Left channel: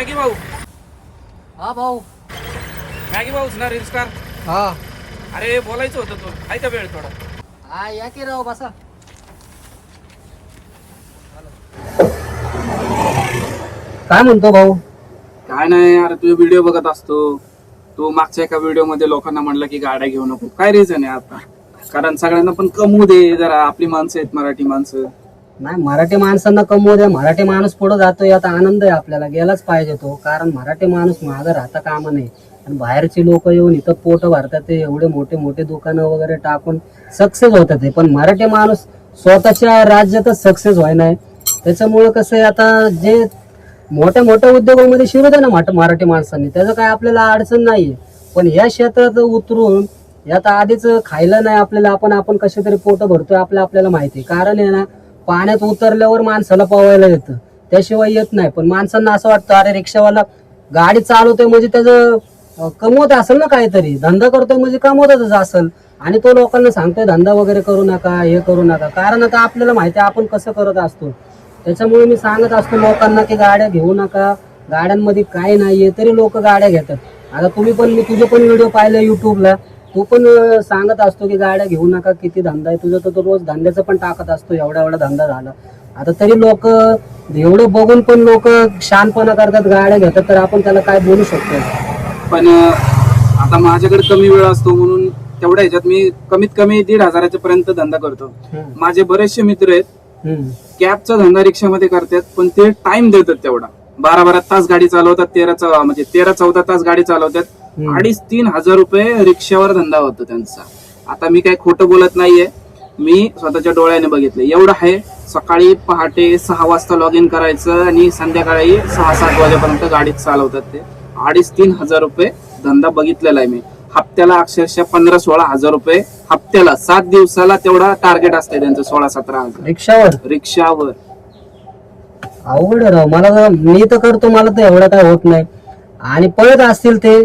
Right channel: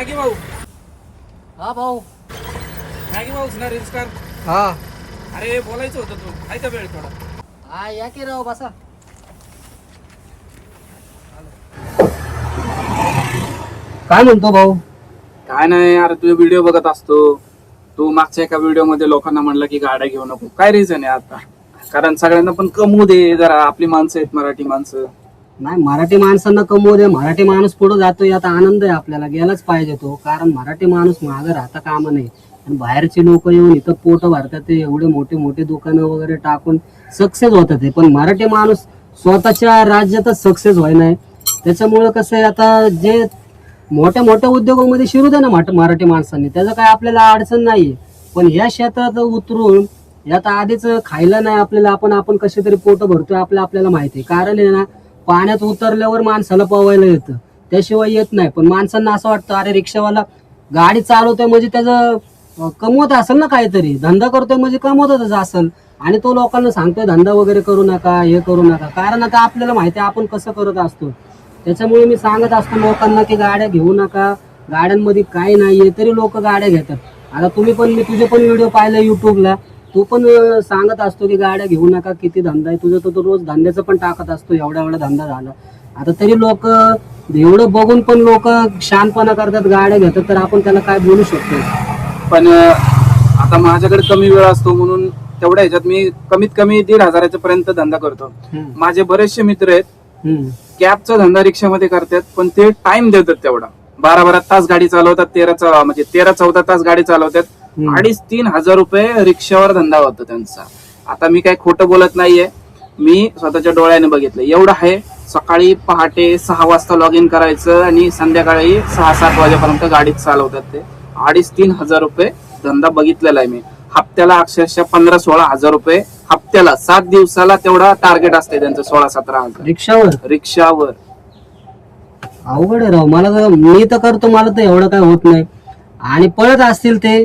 Maggi भाऊ. हा भाऊ. मॅगी भाऊ ना रील स्टार हा. अरे बोलायचं होतं तू. आहे का वेळ थोडा. हा या की राव बसा. काय म्हणतो भाऊ? काय नाही यार तुझे व्हिडिओ बघत असतो. तू मागच्या एका व्हिडिओमध्ये लोकांना म्हणलं की गाड्या घेऊ नको. काय रिझन आहे आता? कारण सगळ्यांना पण कमवू दे जरा. आपली माणसं आहेत मराठी माणसं. नाही मराठी माणसांना कमवू द्या. मराठी माणूस पुढे जातोय आता आनंद आहे आपल्याला. गेलाच पाहिजे तो. कारण मराठी माणूस मागं राहता कामा नाही आणि बाहेरची लोक येऊन इथं पोट भरतात ते. एवढे मोठे मोठे दुकानं वगैरे टाकून सक्सेस होतात ते. पण मराठी माणूस स्वतःच्या राज्यातच सक्सेस व्हाय नाही. त्याच्यामुळं कसं आहे आता जे मोठ्या मोठ्या उद्योगामध्ये शिरू द्या ना मराठी माणसांनी. त्याचं काय आपल्याला अडचण नाही पण या क्षेत्रात उतरून यात आधीच खायला नाही आपल्याला. आपण आपण कसे तरी पोट भरतोय आपलं आपल्याला माहिती आहे. कारण आहे ना पाण्यात उतरल्यावर माणसाला पवायला येतं. त्याशिवाय येत नाही. पण माणसांना असं वाटतं अरे रिक्षावाला गाडी चालवतोय म्हणजे त्याचं कमवत असेल ना काहीतरी. धंदा करतोय म्हणजे कमवतच असेल. आणि तो लोकांना सांगतोय धंदा वगैरे करू नका हे करू नका. कारण आता आपल्याला माहिती आहे आपण कसं करत असतो. त्याच्यामुळे मी सांगत असतो लोकांना की गाड्या घेऊ नका. गाड्यांमध्ये काय नाहीये तरी लोक गाड्या घेतात. आता तुम्ही पण मी तुझे पण व्हिडिओ पाहिले युट्यूबला तू पण सांगत असतो की गाड्या घेऊ नका किती धंदा आहे. तुझं तर तो रोज धंद्याचं पण टाकत असतो एवढा एवढा धंदा झाला. आता तरी लोक एवढं बघून पण लोक शानपणा करतात गाड्या घेतात तर आपण त्याला काय बोलू शकतो? पण आता माझ्याकडे कमी वेळ असतो म्हणून तेवढ्या ह्याच्यात मी कमीत कमी दीड हजाराच्या पर्यंत धंदा करतो. माझे बरेचसे मित्र आहेत. कॅबचा धंदा रिक्षामध्ये करतात पण ते टाइम देतात तेवढा. बारा बारा तास गाडी चालवतात तेरा चा- म्हणजे तेरा चौदा तास गाडी चालवतात. अडीच तीन हजार रुपये रिक्षावर धंदा होतो त्यांचा. आता मी काही खोटं बोलत नाहीये. मी स्वतःच्या डोळ्याने बघितलं. एवढं आहे सकाळी पहाटे सहा वाजता लॉग इन करायचं आणि संध्याकाळी सहा सात वाजेपर्यंत गाडीत चालवतात ते. अडीच तीन हजार रुपये धंदा बघितलेला आहे मी. हप्त्याला अक्षरशः पंधरा सोळा हजार रुपये हप्त्याला सात दिवसाला तेवढा टार्गेट असते त्यांचं सोळा सतरा हजार. रिक्षावर? रिक्षावर. अवघड आहे राव मला तर मी तर करतो मला तर एवढं काय होत नाही. आणि पळत असतील ते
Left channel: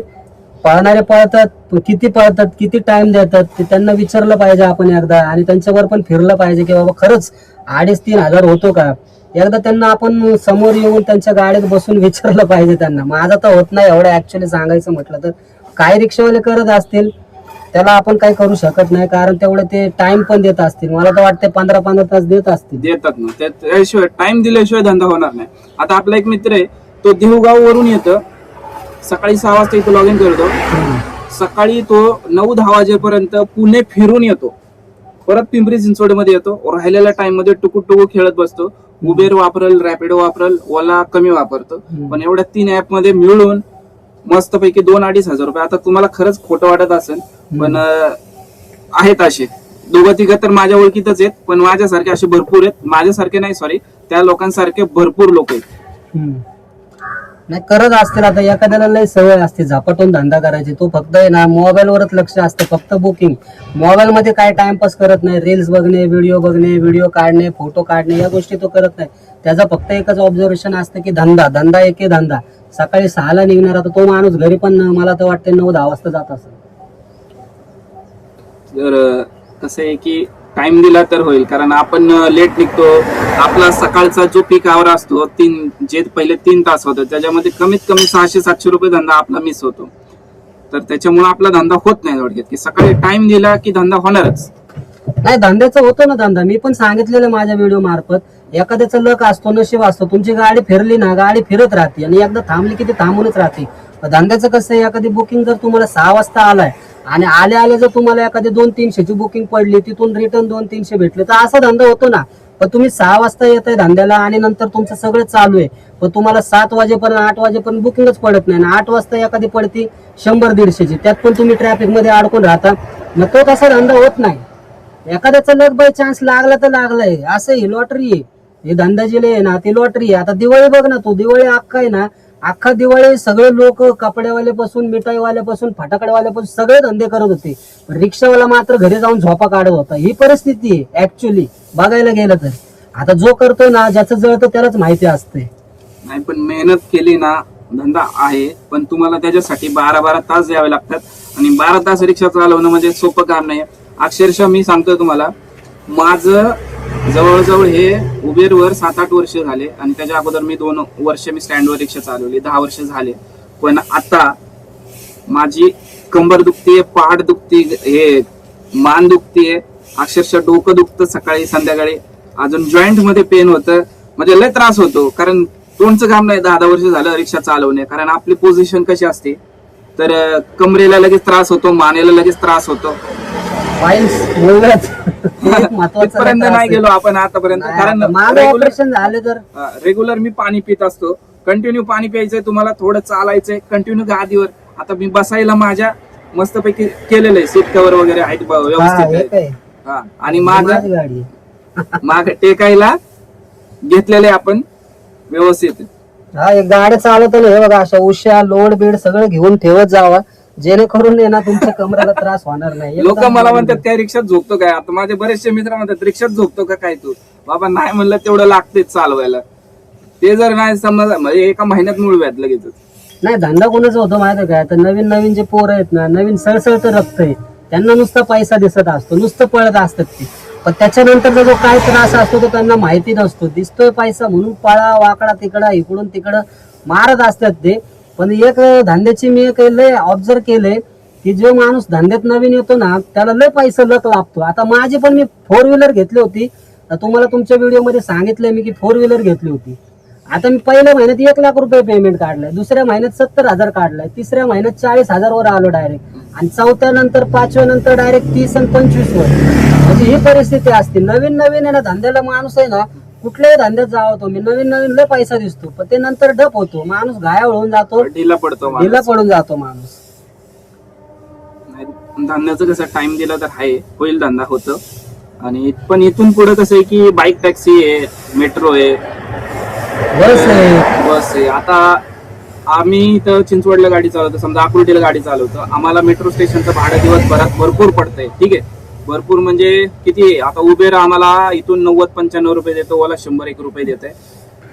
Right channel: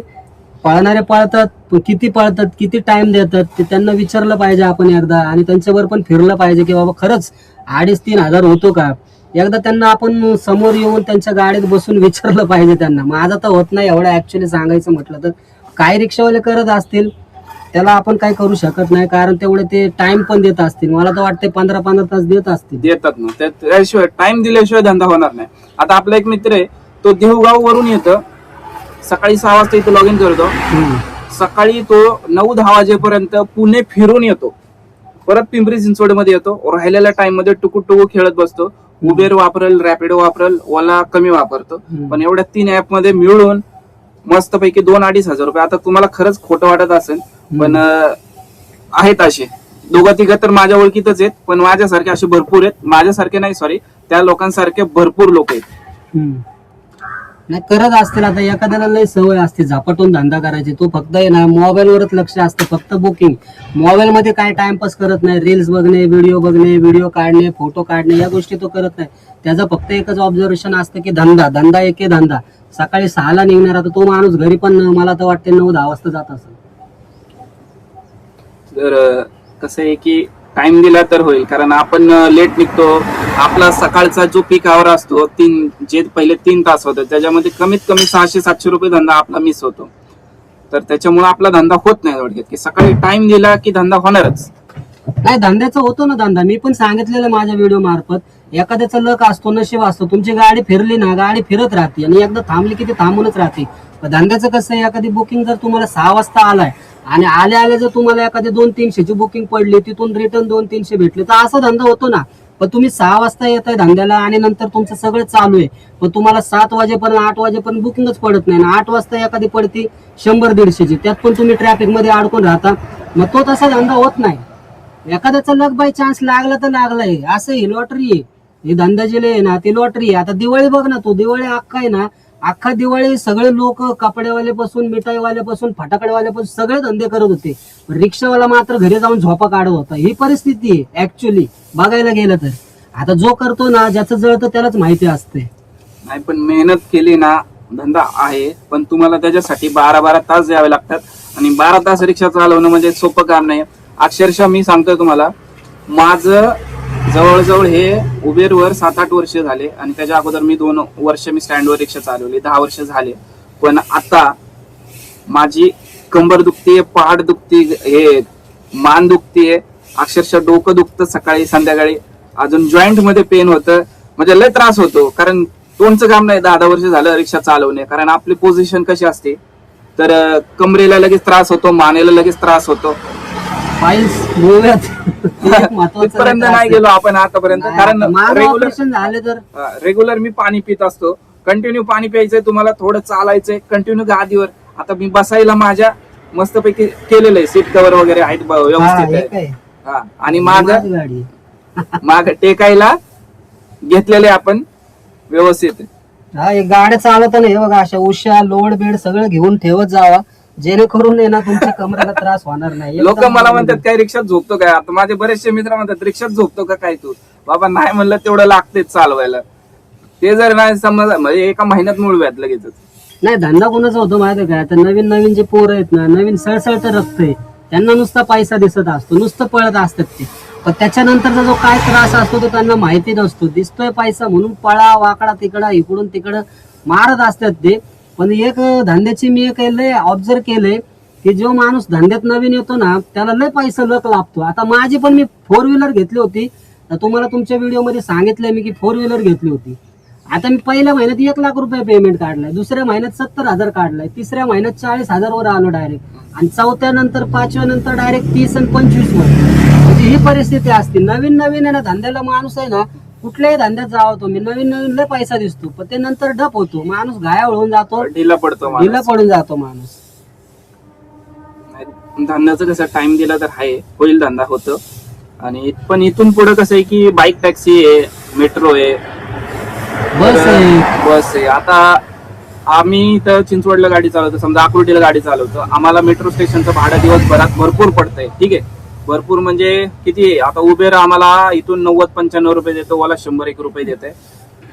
पळणारे पळतात किती पळतात किती टाइम देतात ते त्यांना विचारलं पाहिजे आपण एकदा. आणि त्यांच्यावर पण फिरलं पाहिजे की बाबा खरंच अडीच तीन हजार होतो का? एकदा त्यांना आपण समोर येऊन त्यांच्या गाडीत बसून विचारलं पाहिजे त्यांना. माझं तर होत नाही एवढं ऍक्च्युली सांगायचं म्हटलं तर. काय रिक्षावाले करत असतील त्याला आपण काय करू शकत नाही कारण तेवढे ते टाइम पण देत असतील. मला तर वाटते पंधरा पंधरा तास देत असतील. देतात ना. त्या- त्याशिवाय टाइम दिल्याशिवाय धंदा होणार नाही. आता आपला एक मित्र आहे तो देहगाव वरून येतो. सकाळी सहा वाजता इथे लॉग इन करतो. हम्म. सकाळी तो नऊ दहा वाजेपर्यंत पुणे फिरून येतो. परत पिंपरी चिंचवडमध्ये येतो. राहिलेल्या टाइममध्ये टुकू टुकू खेळत बसतो. उबेर वापरल रॅपिडो वापरल ओला कमी वापरतो. हम्म. पण एवढ्या तीन ऍपमध्ये मिळून मस्तपैकी दोन अडीच हजार रुपये. आता तुम्हाला खरंच खोटं वाटत असेल पण आहेत असे. दोघं तिघं तर माझ्या ओळखीतच आहेत पण माझ्यासारखे असे भरपूर आहेत. माझ्यासारखे नाही सॉरी त्या लोकांसारखे भरपूर लोक आहेत. नाही करत असतील आता. एखाद्याला लय सवय असते. झपाटून धंदा करायची. तो फक्त आहे ना मोबाईल वरच लक्ष असतं. फक्त बुकिंग मोबाईल मध्ये काय टाइमपास करत नाही. रील्स बघणे व्हिडिओ बघणे व्हिडिओ काढणे फोटो काढणे या गोष्टी तो करत नाही. त्याचा फक्त एकच ऑब्झर्वेशन असतं की धंदा. धंदा एके धंदा. सकाळी सहाला निघणार आता तो माणूस घरी पण मला तर वाटते नऊ दहा वाजता जात असेल. कसं आहे की टाइम दिला तर होईल. कारण आपण लेट निघतो. आपला सकाळचा जो पीक आवर असतो तीन जे पहिले तीन तास होतो त्याच्यामध्ये कमीत कमी सहाशे सातशे रुपये धंदा आपला मिस होतो. तर त्याच्यामुळे आपला धंदा होत नाही थोडक्यात की सकाळी टाइम दिला की धंदा होणारच. नाही धंद्याचा होतो ना धंदा. मी पण सांगितलेलं माझ्या व्हिडिओ मार्फत. एखाद्याचा लक असतो नशीब असतो. तुमची गाडी फिरली ना गाडी फिरत राहते. आणि एकदा थांबली की ती थांबूनच राहते. धंद्याचं कसं आहे एखादी बुकिंग जर तुम्हाला सहा वाजता आलाय आणि आले आले जर तुम्हाला एखादी दोन तीनशेची बुकिंग पडली तिथून रिटर्न दोन तीनशे भेटले तर असा धंदा होतो ना. पण तुम्ही सहा वाजता येत आहे धंद्याला आणि नंतर तुमचं सगळं चालू आहे. पण तुम्हाला सात वाजेपर्यंत आठ वाजेपर्यंत बुकिंगच पडत नाही. आठ वाजता एखादी पडती शंभर दीडशेची. त्यात पण तुम्ही ट्रॅफिकमध्ये अडकून राहता. मग तो तसा धंदा होत नाही. एखाद्याचा लग बाय चान्स लागला तर लागलाय. असं ही लॉटरी आहे. हे धंदा जिले आहे ना ती लॉटरी आहे. आता दिवाळी बघ ना तू. दिवाळी अख्खा आहे ना अख्खा दिवाळी सगळे लोक कपड्यावाल्यापासून मिठाईवाल्यापासून फटाकड्यावाल्यापासून सगळे धंदे करत होते. पण रिक्षावाला मात्र घरी जाऊन झोपा काढत होता. ही परिस्थिती आहे ऍक्च्युली बघायला गेलं तर. आता जो करतो ना ज्याचं जळतं त्यालाच माहिती असते. नाही पण मेहनत केली ना धंदा आहे. पण तुम्हाला त्याच्यासाठी बारा बारा तास द्यावे लागतात. आणि बारा तास रिक्षा चालवणं म्हणजे सोपं काम नाही. अक्षरशः मी सांगतोय तुम्हाला माझं जवळजवळ हे उबेरवर सात आठ वर्ष झाले आणि त्याच्या अगोदर मी दोन वर्ष मी स्टँडवर रिक्षा चालवली दहा वर्ष झाले. पण आता माझी कंबर दुखतीये पहाड दुखती हे मान दुखतीये अक्षरशः डोकं दुखतं सकाळी संध्याकाळी. अजून जॉईंटमध्ये पेन होतं. म्हणजे लय त्रास होतो कारण तोंडचं काम नाही दहा दहा वर्ष झालं रिक्षा चालवणे. कारण आपली पोझिशन कशी असते? तर कमरेला लगेच त्रास होतो मानेला लगेच त्रास होतो. फाईल्स महत्वाचं नाही. गेलो आपण आतापर्यंत. कारण माझं ऑपरेशन झाले तर. रेग्युलर मी पाणी पित असतो. कंटिन्यू पाणी प्यायचंय तुम्हाला थोडं चालायचंय. कंटिन्यू गादीवर. आता मी बसायला माझ्या मस्तपैकी केलेलं आहे. सीट कव्हर वगैरे आहेत ब- हा, व्यवस्थित आहे. हा आणि माग माझी गाडी. माग टेकायला घेतलेले आपण. व्यवस्थित हा एक गाड्या चालवताना हे बघा अशा उश्या लोड बीड सगळं घेऊन ठेवत जावा. जेणेकरून आहे ना तुमच्या कमरेला त्रास होणार नाही. लोक एकदम मला म्हणतात काय रिक्षात झोपतो काय आता माझे बरेचसे मित्र म्हणतात रिक्षात झोपतो का काय तू? बाबा नाही म्हणलं तेवढं लागतेच चालवायला. ते जर नाही समज म्हणजे एका महिन्यात मुळव्यात लगेच नाही धंदा कोणाचा होतो माहिती काय तर नवीन नवीन जे पोरं आहेत ना नवीन सळसळतं रक्त आहे त्यांना नुसता पैसा दिसत असतो नुसतं पळत असतात ते. पण त्याच्यानंतरचा जो काय त्रास असतो तो त्यांना माहिती नसतो. दिसतोय पैसा म्हणून पळा वाकडा तिकडं इकडून तिकडं मारत असतात ते. पण एक धंद्याची मी एक लय ऑब्झर्व केलंय की जो माणूस धंद्यात नवीन येतो ना त्याला लय पैसा लक लागतो. आता माझी पण मी फोर व्हीलर घेतली होती. तर तुम्हाला तुमच्या व्हिडिओमध्ये सांगितलंय मी की फोर व्हीलर घेतली होती. आता मी पहिल्या महिन्यात एक लाख रुपये पेमेंट काढलाय. दुसऱ्या महिन्यात सत्तर हजार काढलाय. तिसऱ्या महिन्यात चाळीस हजार वर आलो डायरेक्ट आणि चौथ्या नंतर पाचव्या नंतर डायरेक्ट तीस आणि पंचवीस वर. म्हणजे ही परिस्थिती असते. नवीन नवीन आहे ना धंद्याला माणूस आहे ना कुठल्याही धंद्यात जावं तो. मी नवीन नवीन लय पैसा दिसतो. पण ते नंतर डप होतो. माणूस घाया होऊन जातो. ढिला पडतो माणूस. ढिला पडून जातो माणूस. नाही, धंद्याचं कसं टाइम दिला तर आहे होईल धंदा होतं. आणि पण इथून पुढे कसं आहे की बाईक टॅक्सी आहे मेट्रो आहे. बस आहे. बस आहे. आता आम्ही इथं चिंचवडला गाडी चालवतो. समजा अकोलटीला गाडी चालवतो. आम्हाला मेट्रो स्टेशनचं भाडं दिवसभरात भरपूर पडतंय. ठीक आहे? भरपूर म्हणजे किती? आता उबेर आम्हाला इथून नव्वद पंच्याण्णव रुपये देतो ओला शंभर एक रुपये देते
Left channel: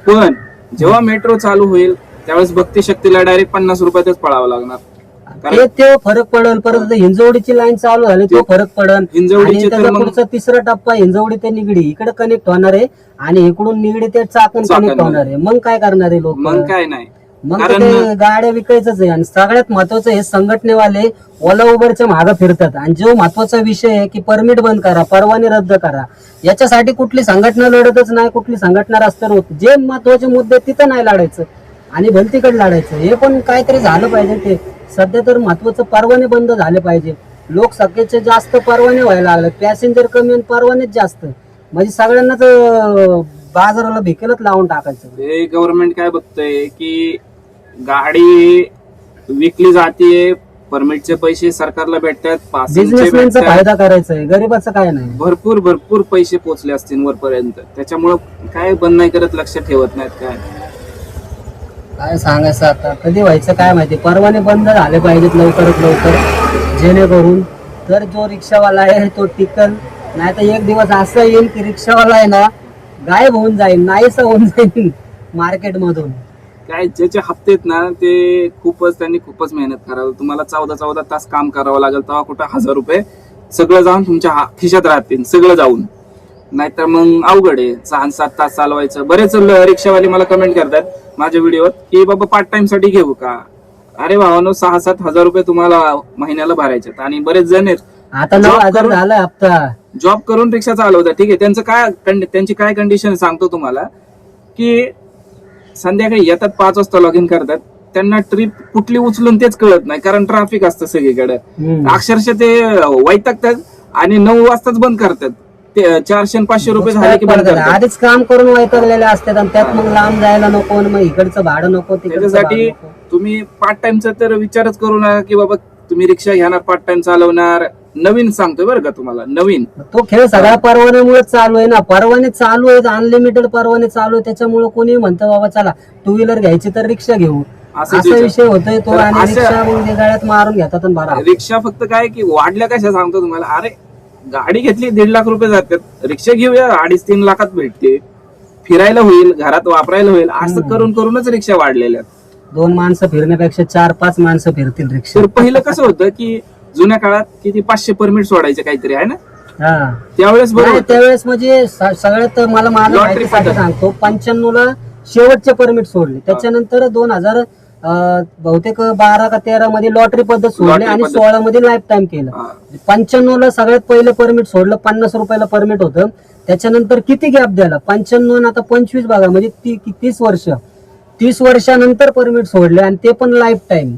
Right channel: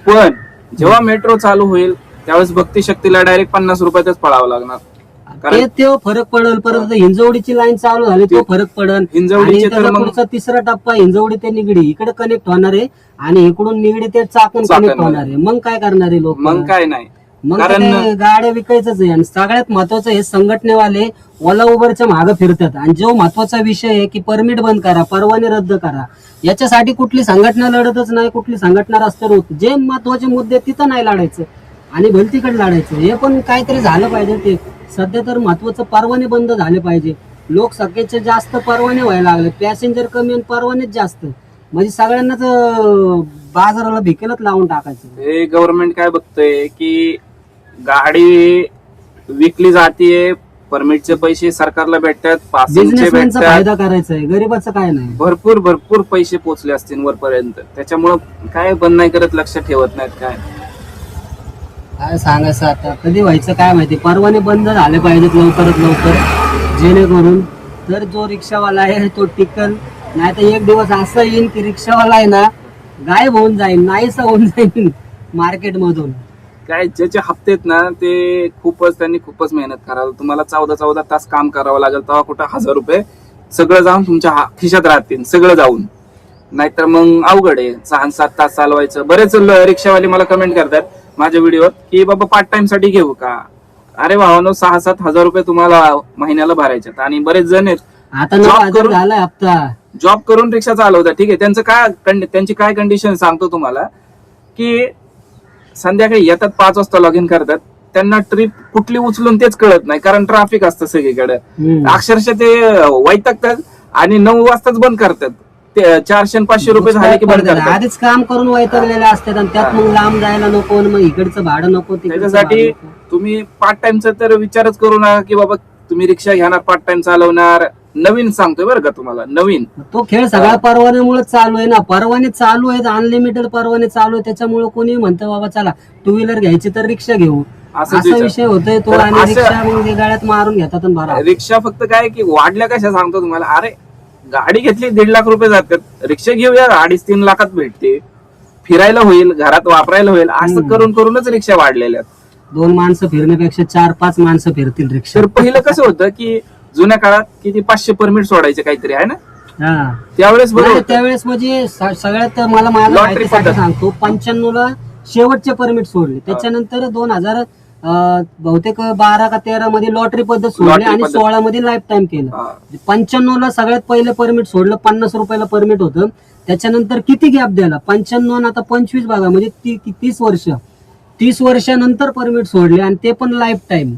पण जेव्हा मेट्रो चालू होईल त्यावेळेस भक्ती शक्तीला डायरेक्ट पन्नास रुपयातच पळावं लागणार. ते कारण ते फरक पडल परत हिंजवडीची लाईन चालू झाली तो फरक पडल. हिंजवडीचे आणि तर त्याचा मग- पुढचा तिसरा टप्पा हिंजवडी ते निगडी इकडे कनेक्ट होणार आहे. आणि इकडून निगडी ते चाकण कनेक्ट होणार आहे. मग काय करणार आहे लोक? मग काय नाही. मग कारण ते गाड्या विकायचंच आहे. आणि सगळ्यात महत्वाचं हे संघटनेवाले ओला उबरच्या मागे फिरतात. आणि जो महत्त्वाचा विषय आहे की परमिट बंद करा परवाने रद्द करा. याच्यासाठी कुठली संघटना लढतच नाही कुठली संघटना रस्त्यावर होत जे महत्त्वाचे मुद्दे आहेत तिथं नाही लढायचं. आणि भलतीकडे लढायचं. हे पण काहीतरी झालं पाहिजे ते. सध्या तर महत्वाचं परवाने बंद झाले पाहिजे. लोकसंख्येचे जास्त परवाने व्हायला लागले पॅसेंजर कमी आणि परवानेच जास्त. म्हणजे सगळ्यांनाच अं, बाजाराला भिकेलच लावून टाकायचं. हे गव्हर्नमेंट काय बघतोय की गाडी विकली जातीये परमिटचे पैसे सरकारला भेटतात पासिंगचे बिझनेसमॅनचा भेटतात. फायदा करायचा आहे गरीबाचं काय नाही. भरपूर भरपूर पैसे पोचले असतील वरपर्यंत. त्याच्यामुळं काय बंद नाही करत लक्ष ठेवत नाहीत काय. काय सांगायचं आता? कधी व्हायचं काय माहिती? परवाने बंद झाले पाहिजेत लवकरात लवकर जेणेकरून तर जो रिक्षावाला आहे तो टिकल. नाही तर एक दिवस असं येईल की रिक्षावाला आहे ना गायब होऊन जाईल नाहीसा होऊन जाईल मार्केट मधून काय ज्याचे हप्ते आहेत ना ते खूपच त्यांनी खूपच मेहनत करावं तुम्हाला चौदा चौदा तास काम करावं लागेल तेव्हा कुठं हजार रुपये सगळं जाऊन तुमच्या खिशात राहतील सगळं जाऊन. नाहीतर मग अवघड आहे. सहा सात तास चालवायचं. बरेच रिक्षावाले मला कमेंट करतात माझ्या व्हिडिओत की बाबा पार्ट टाइमसाठी घेऊ का? अरे भावानो सहा सात हजार रुपये तुम्हाला महिन्याला भरायचे आणि बरेच जण आहेत. आता झालाय हप्ता. जॉब करून रिक्षा चालवतात. ठीक आहे. त्यांचं काय त्यांची काय कंडिशन सांगतो तुम्हाला की संध्याकाळी येतात पाच वाजता लॉग इन करतात. त्यांना ट्रिप कुठली उचलून तेच कळत नाही कारण ट्रॅफिक असतं सगळीकडे. अक्षरशः ते वैतागतात आणि नऊ वाजताच बंद करतात. ते चारशे आणि पाचशे रुपये झाले की बंद करतात. आधीच काम करून वैतागलेले असतात आणि त्यात मग लांब जायला नको आणि मग इकडचं भाडं नको तिकडचं त्याच्यासाठी भाडं नको. तुम्ही पार्ट टाइमचा तर विचारच करू नका की बाबा तुम्ही रिक्षा घेणार पार्ट टाइम चालवणार नवीन सांगतोय बरं का तुम्हाला नवीन. तो खेळ सगळ्या परवान्यामुळे चालू आहे ना. परवाने चालू आहेत अनलिमिटेड परवाने चालू आहे त्याच्यामुळे कोणी म्हणतं बाबा चला टू व्हीलर घ्यायची तर रिक्षा घेऊ. असा. विषय होतोय तो आणि रिक्षा ते गाड्यात मारून घेतात बरा रिक्षा फक्त काय की वाढल्या कशा सांगतो तुम्हाला? अरे गाडी घेतली दीड लाख रुपये जातात. रिक्षा घेऊया अडीच तीन लाखात भेटते. फिरायला होईल घरात वापरायला होईल असं. करून करूनच रिक्षा वाढलेल्या. दोन माणसं फिरण्यापेक्षा चार पाच माणसं फिरतील रिक्षा. तर पहिलं कसं होतं की जुन्या काळात किती पाचशे परमिट सोडायचे काहीतरी आहे ना? हा. त्यावेळेस बरं नाही, होतं. त्यावेळेस म्हणजे स- सगळ्यात मला Lottery पद्धत. सांगतो पंच्याण्णव ला शेवटचे परमिट सोडले. त्याच्यानंतर दोन हजार बहुतेक बारा का तेरा मध्ये लॉटरी पद्धत सोडली Lottery आणि पद्धत. सोळा मध्ये लाईफ टाइम केलं. हा. पंच्याण्णव ला सगळ्यात पहिलं परमिट सोडलं पन्नास रुपयाला परमिट होतं. त्याच्यानंतर किती गॅप द्यायला? पंच्याण्णव आता पंचवीस बघा म्हणजे ती ती- तीस वर्ष. तीस वर्षानंतर परमिट सोडले आणि ते पण लाईफ टाइम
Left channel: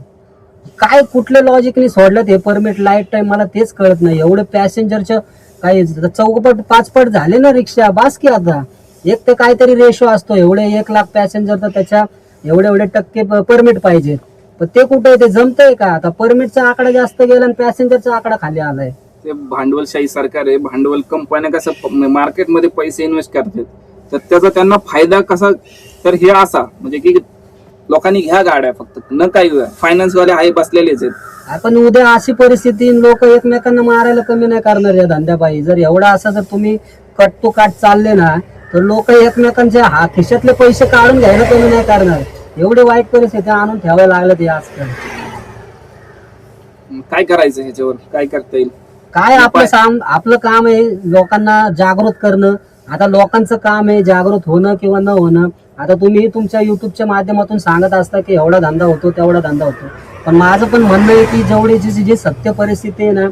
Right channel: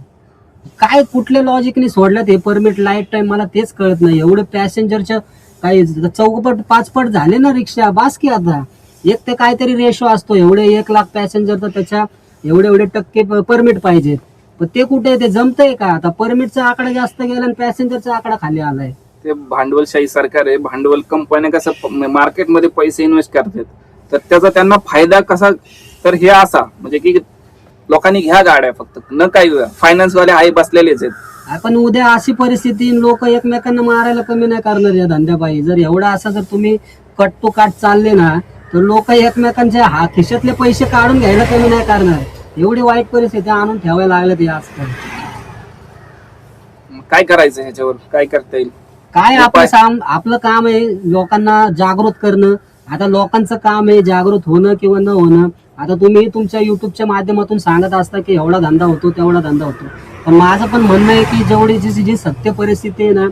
काय कुठल्या लॉजिकली सोडलं हे परमिट लाईफ टाइम मला तेच कळत नाही. एवढे पॅसेंजरच्या काही चौकपट पाचपट झाले ना रिक्षा. बास की आता. एक ते काहीतरी रेशो असतो. एवढे एक लाख पॅसेंजर तर त्याच्या एवढे एवढे टक्के परमिट पाहिजेत. पण ते कुठे आहे? ते जमतंय का? आता परमिटचा आकडा जास्त गेला आणि पॅसेंजरचा आकडा खाली आलाय. ते भांडवलशाही सरकार आहे. भांडवल कंपन्या कसं मार्केटमध्ये पैसे इन्व्हेस्ट करतात. तर त्याचा त्यांना फायदा कसा? तर हे असा. म्हणजे की लोकांनी घ्या गाड्या फक्त. न काही फायनान्स वाले आहे बसलेलेच आहेत. आपण उद्या अशी परिस्थिती लोक एकमेकांना मारायला कमी नाही करणार या धंद्यापायी जर एवढा असा जर तुम्ही कट टू काट चालले ना तर लोक एकमेकांच्या हा खिशातले पैसे काढून घ्यायला कमी नाही करणार. एवढी वाईट परिस्थिती आणून ठेवायला लागल्यात या आजकाल. मग काय करायचं ह्याच्यावर? काय करता येईल? काय आपलं काम आपलं काम आहे लोकांना जागृत करणं. आता लोकांचं काम आहे जागृत होणं किंवा न होणं. आता तुम्ही तुमच्या युट्यूबच्या माध्यमातून सांगत असता की एवढा धंदा होतो तेवढा धंदा होतो. पण माझं पण म्हणणं आहे की जेवढी जी जी सत्य परिस्थिती आहे ना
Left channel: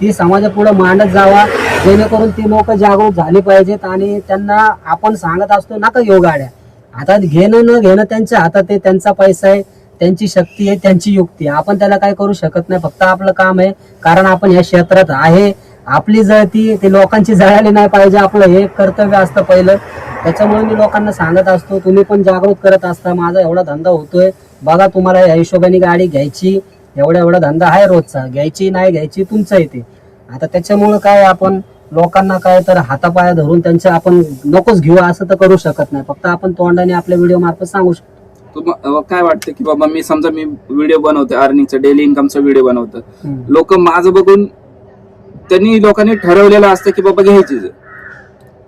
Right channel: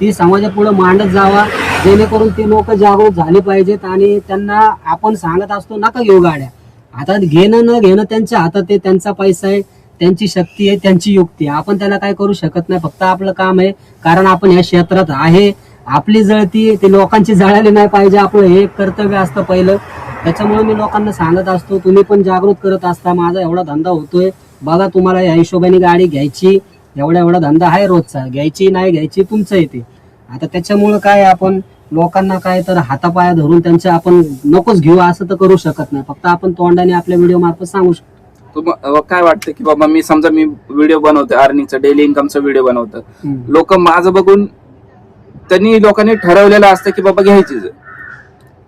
ती समाजापुढे मांडत जावा जेणेकरून ती लोक जागृत झाली पाहिजेत आणि त्यांना आपण सांगत असतो नका घेऊ गाड्या. आता घेणं न घेणं त्यांच्या हातात आहे त्यांचा पैसा आहे त्यांची शक्ती आहे त्यांची युक्ती आहे. आपण त्याला काय करू शकत नाही फक्त आपलं काम आहे. कारण आपण या क्षेत्रात आहे. आपली जळती ते लोकांची जळाली नाही पाहिजे. आपलं हे कर्तव्य असतं पहिलं. त्याच्यामुळे मी लोकांना सांगत असतो तुम्ही पण जागृत करत असता. माझा एवढा धंदा होतोय. बघा तुम्हाला या हिशोबाने गाडी घ्यायची. एवढा एवढा धंदा आहे रोजचा. घ्यायची नाही घ्यायची तुमचं येते आता त्याच्यामुळे काय आपण लोकांना काय तर हातापाया धरून त्यांच्या आपण नकोच घेऊ असं तर करू शकत नाही. फक्त आपण तोंडाने आपल्या व्हिडिओ मार्फत सांगू शकतो. काय वाटतं की बाबा मी समजा मी व्हिडिओ बनवतो अर्निंगचा डेली इन्कमचा व्हिडिओ बनवतो. लोक माझं बघून त्यांनी लोकांनी ठरवलेलं असतं की बाबा घ्यायचीच आहे.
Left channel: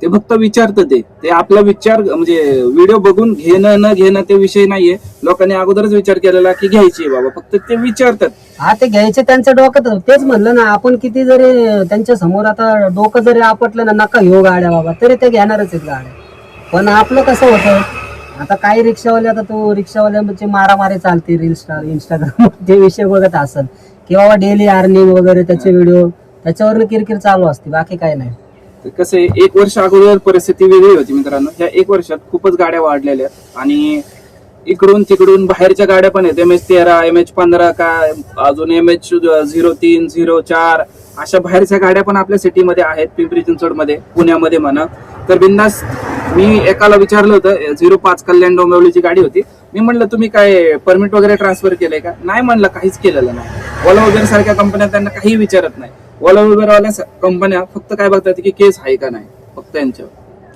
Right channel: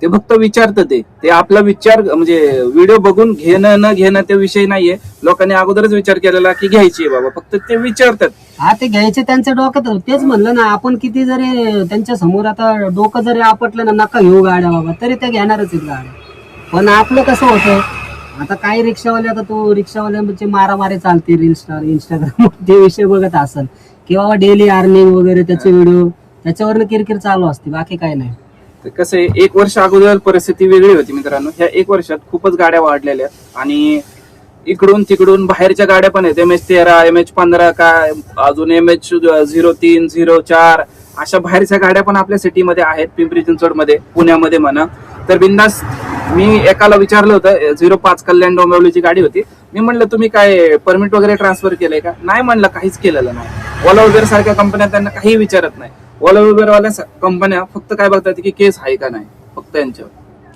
ते फक्त विचारतं ते. ते आपला विचार म्हणजे व्हिडिओ बघून घेणं न घेणं ते विषय नाहीये. लोकांनी अगोदरच विचार केलेला की घ्यायची बाबा. फक्त ते विचारतात. हा ते घ्यायचे त्यांच्या डोक्यात होतं. तेच म्हणलं ना आपण किती जरी त्यांच्यासमोर आता डोकं जरी आपटलं ना नका घेऊ गाड्या बाबा तरी ते घेणारच आहेत गाड्या. पण आपलं कसं होतं आता काही रिक्षावाले आता तो रिक्षावाल्यांची मारामारी चालते स्टार इंस्टाग्राम ते विषय बघत असेल. किंवा डेली अर्निंग वगैरे त्याचे व्हिडिओ त्याच्यावर किरकिर चालू असते बाकी काही नाही. तर कसं आहे एक वर्ष अगोदर परिस्थिती वेगळी होती मित्रांनो. ह्या एक वर्षात खूपच गाड्या वाढलेल्या आणि इकडून तिकडून बाहेरच्या गाड्या पण आहेत. एम एच तेरा एम एच पंधरा काय अजून एम एच झिरो तीन झिरो चार अशा बाहेरच्या गाड्या पण आपल्या सिटीमध्ये आहेत पिंपरी चिंचवडमध्ये पुण्यामध्ये म्हणा. तर बिंदास मी एकाला विचारलं होतं झिरो पाच कल्याण डोंबिवलीची गाडी होती. मी म्हणलं तुम्ही काय परमिट वगैरे ट्रान्सफर केलंय का? नाही म्हणलं काहीच केलेलं नाही. ओला वगैरे सारख्या कंपन्या त्यांना काही विचारत नाही. ओला उबेर वाल्या कंपन्या फक्त काय बघतात की केस आहे का नाही? फक्त यांच्यावर.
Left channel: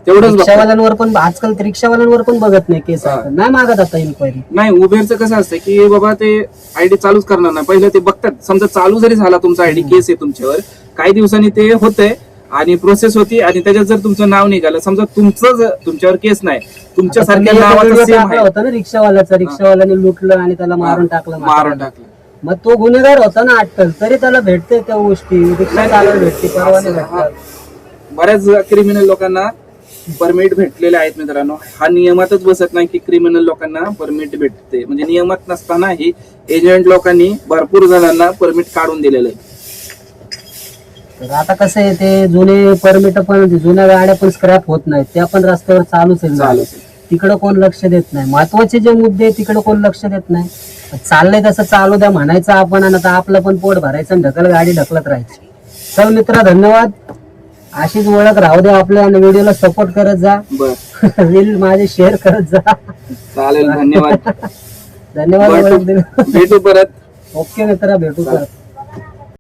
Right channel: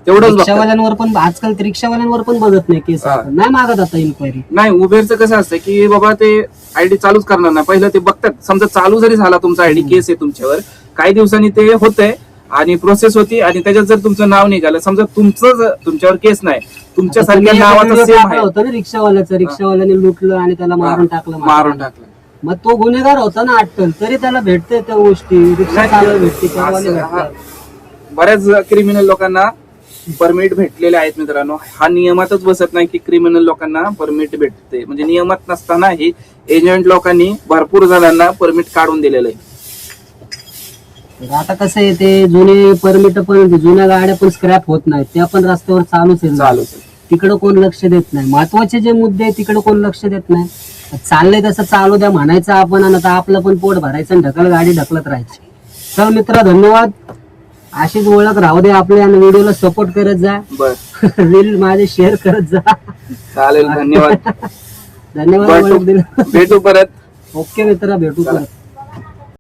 तेवढंच बघतात. रिक्षावाल्यांवर पण आजकाल ते रिक्षावाल्यांवर पण बघत नाही केस हा. नाही मागत आता इन्क्वायरी नाही उबेरचं कसं असतं की बाबा ते आयडी चालूच करणार नाही. पहिलं ते बघतात. समजा चालू जरी झाला तुमचा आयडी केस आहे तुमच्यावर काही दिवसांनी ते होतंय आणि प्रोसेस होती आणि त्याच्यात जर तुमचं नाव निघालं समजा तुमचं जर तुमच्यावर केस नाही तुमच्या सारख्या नावाचं सेम होता ना रिक्षावाल्याचा. रिक्षावाल्याने लुटलं आणि त्याला मारून टाकलं मारून टाकलं. मग तो गुन्हेगार होता ना अटकल तरी त्याला भेटते त्या गोष्टी रिक्षा चालवायला भेटते परवाने असं, हा. भेटतात बऱ्याच क्रिमिनल लोकांना परमिट भेटलेले आहेत मित्रांनो. हा नियमातच बसत नाही की क्रिमिनल लोकांना परमिट भेटते. म्हणजे नियमात नसतानाही एजंट लोकांनी भरपूर जणांना परमिट काढून दिलेलं आहे तर आता कसं आहे ते जुने परमिट पण जुन्या गाड्या पण स्क्रॅप होत नाहीत. त्या पण रस्त्यावर चालूच आहे आहे. तिकडं कोण लक्ष देत नाही? महत्त्वाचे जे मुद्दे तिकडं कोण लक्ष देत नाही? चाललंय तसं चालू द्या म्हणायचं आपण आणि आता आपलं पण पोट भरायचं आणि ढकल गाडी ढकलत राहायची. चल मित्रा धन्यवाद. अशीच ओळख राहू दे आपल्या आणि व्हिडिओला सपोर्ट करत जा. रील माझे शेअर करत जा. चालेल धन्यवाद. धन्यवाद भेटू ओळख दिली. भेटू परत. ओके मित्रा भेटू परत.